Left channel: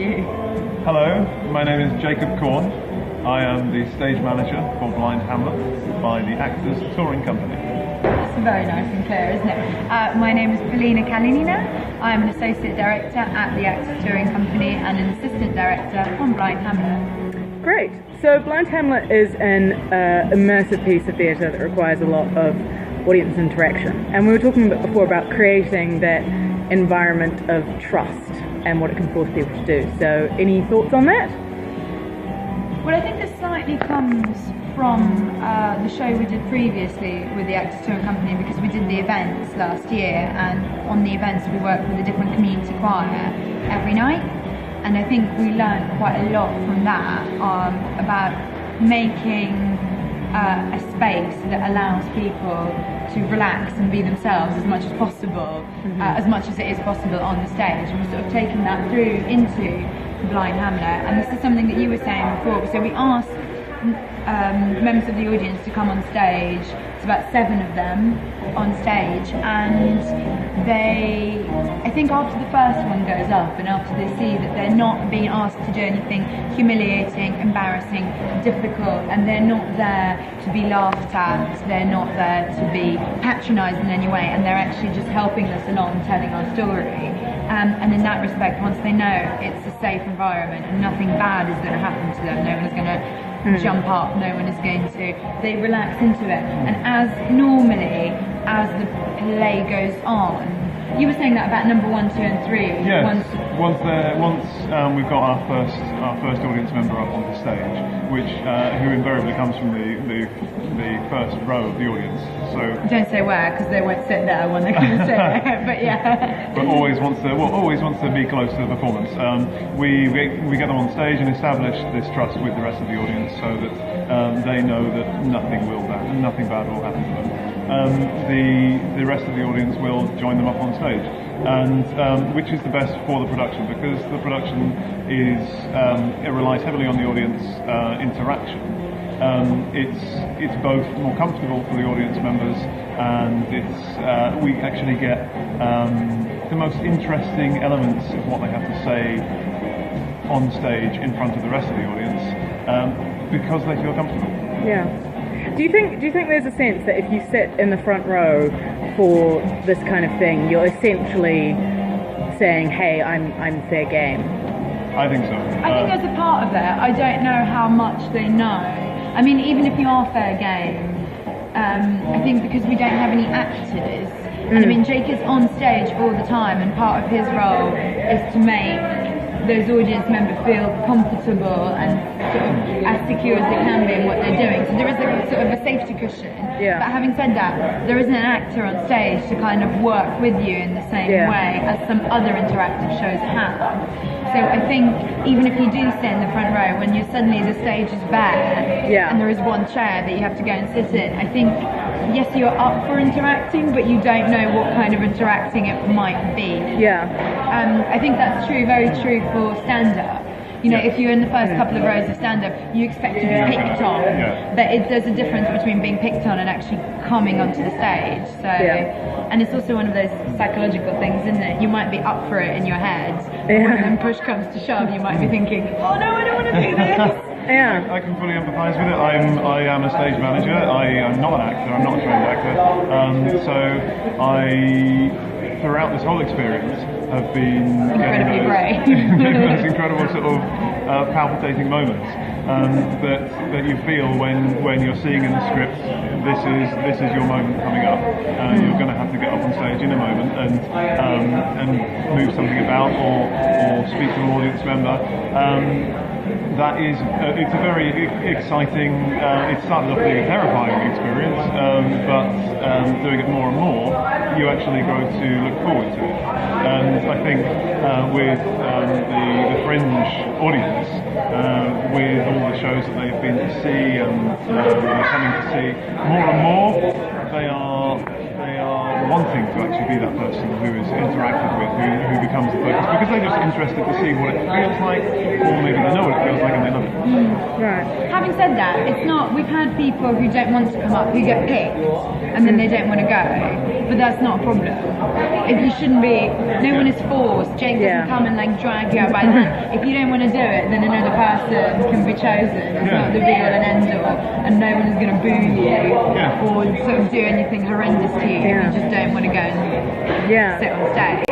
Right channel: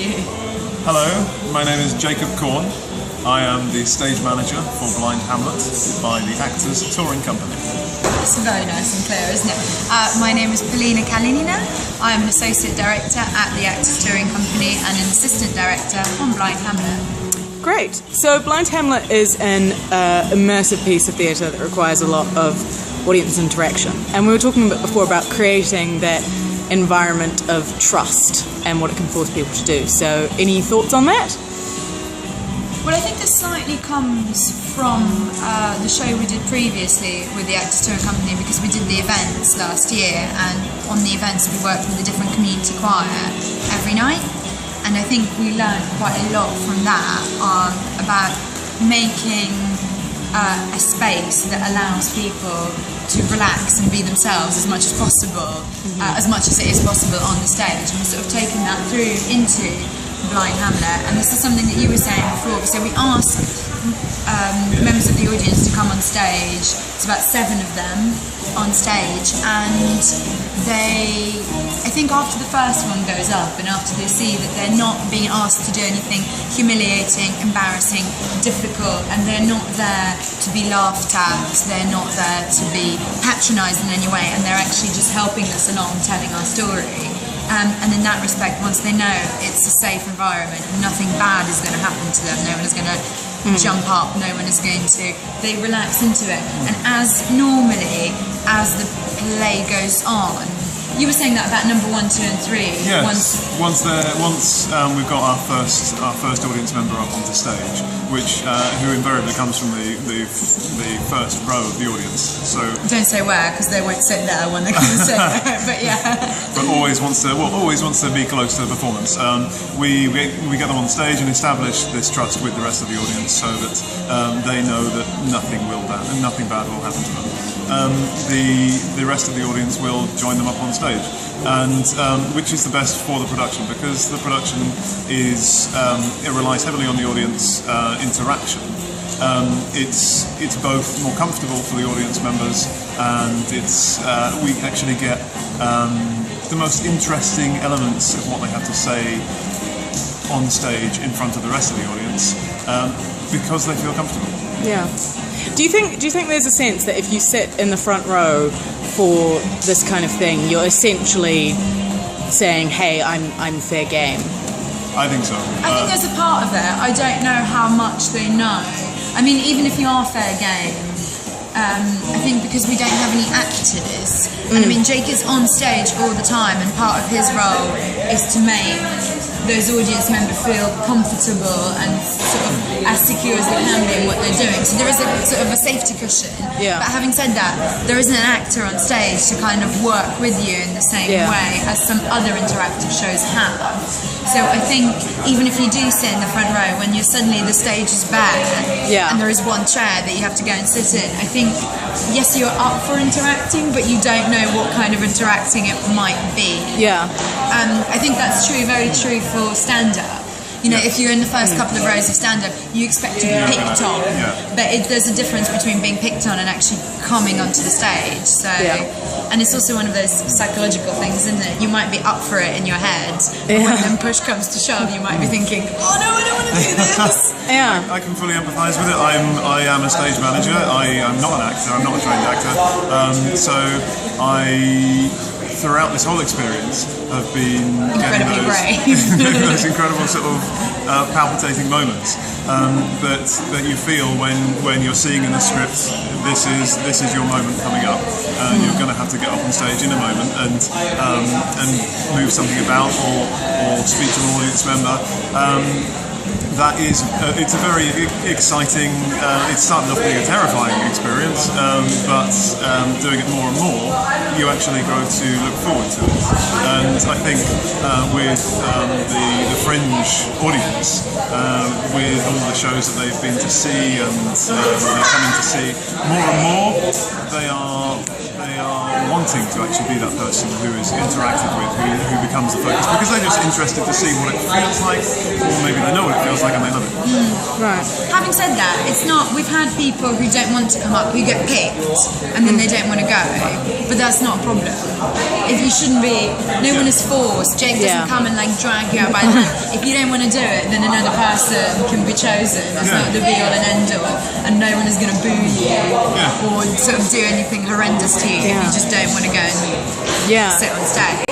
you. Hello, my name is Jacob Korn. I am the stage manager for Blind Hamlet by the Actors Touring Company. It's very nice and clear, isn't it? My name is Polina Kalinina. I'm an associate director at the Actors Touring Company and an assistant director on Blind Hamlet. Great. So Blind Hamlet is an immersive piece of theatre that requires a lot of audience interaction. And we were talking before about creating that environment of trust and what it can force people to do. So any thoughts on that? Well, I think this slightly comes from the show we did previously with the Actors Touring Company, because we did the events last year, and on the events we worked with a different community choir every night, and I think we learned quite a lot from that about making a space that allows people to relax and be themselves as much as possible, as much as it is possible on the stage, and we're sort of taking that through into Blind Hamlet. And this is something that you were saying before. So we asked members of the audience to come on stage. It's about 7 of them on stage, and I think after the first one goes up and after they see that they're not being asked to do anything humiliating, embarrassing, difficult, and they're not there to be laughed at, they're not there to be patronised in any way, and they're actually just helping us along, telling our story. And in that respect, once they know it's a safe environment, nothing bad is going to happen to them, no one is going to jump up, no one is going to, they relax into it. And as the play goes on, you were saying that about number 1, 2 and 3. Yes, once we've got our first audience member up onto stage, which who invariably comes from the first row of the audience. So don't say where, because they won't sit there when they come and sit there. But yeah. But always wants to be close to the performance. We get them on stage and establish this trust with the rest of the audience, so that they know that nothing bad will happen to them. The rest of the audience will join them up on stage, and which is the best for the production, because the production it relies heavily on the audience interaction. It's both more comfortable for the audience members, and we actually get the most interesting elements of what they have to say on stage in front of the rest of the audience, because they feel comfortable. Yeah. Do you think there's a sense that if you sit in the front row for this kind of thing, you're essentially saying, "Hey, I'm fair game"? I think so. I think there's a part of that. I don't know how much they know. I mean, even if you are fair game, I think because we don't have any actors, and I mean, Jake is on stage all the time, and part of his role is to make those audience members feel comfortable and sort of as secure as they can be in what they're doing. So there is a sort of a safety cushion. Yeah. But having said that, there isn't an actor on stage to kind of work with you in the same way as some other interactive shows have. So I think even if you do sit in the front row, when suddenly the stage is back and there is one chair that you have to go and sit in, I think, yes, you're up for interacting, but you don't know what kind of interacting it might be. Yeah. I think that's true, very true for stand-up. You know, if you're in the first couple of rows of stand-up, you expect to be picked on. But there's a difference between being picked on and actually coming onto the stage. So, and it's also one of those psychological things, isn't it? You might be up for it in your head, and when push comes to shove, you might be thinking, "Oh no, I don't want to do this." I can fully empathise with it. I am a stage manager. I'm not an actor. I'm not a trained actor. So throughout this whole experience, have been getting those incredible sort of palpitating moments that you feel when you're seeing in the script, this is your moment coming up. You're going to have to get up on stage in a moment and move something about or speak to an audience member. It's a very exciting, it started off being a terrifying experience, but doing it more and more, you actually grow to look forward to it. And I think with the Fringe audience, with all the shows that they've been to see and they're coming to see, more and more they are wanting to actually be that person who is interacted with, who becomes the focus, because they're just interested to see what it feels like, or maybe they know what it feels like and they love it. Right. Having said that, it's not. We've had people who don't want to come up, who get picked, and then they don't want to go. But that's not a problem. if you shouldn't be. No one is forced. Jake doesn't come and like drag you out. By if you don't want to do it, then another person can be chosen. It's not the be all and end all, and no one is going to boo you or sort of do anything horrendous to you if you just don't want to go and sit on stage.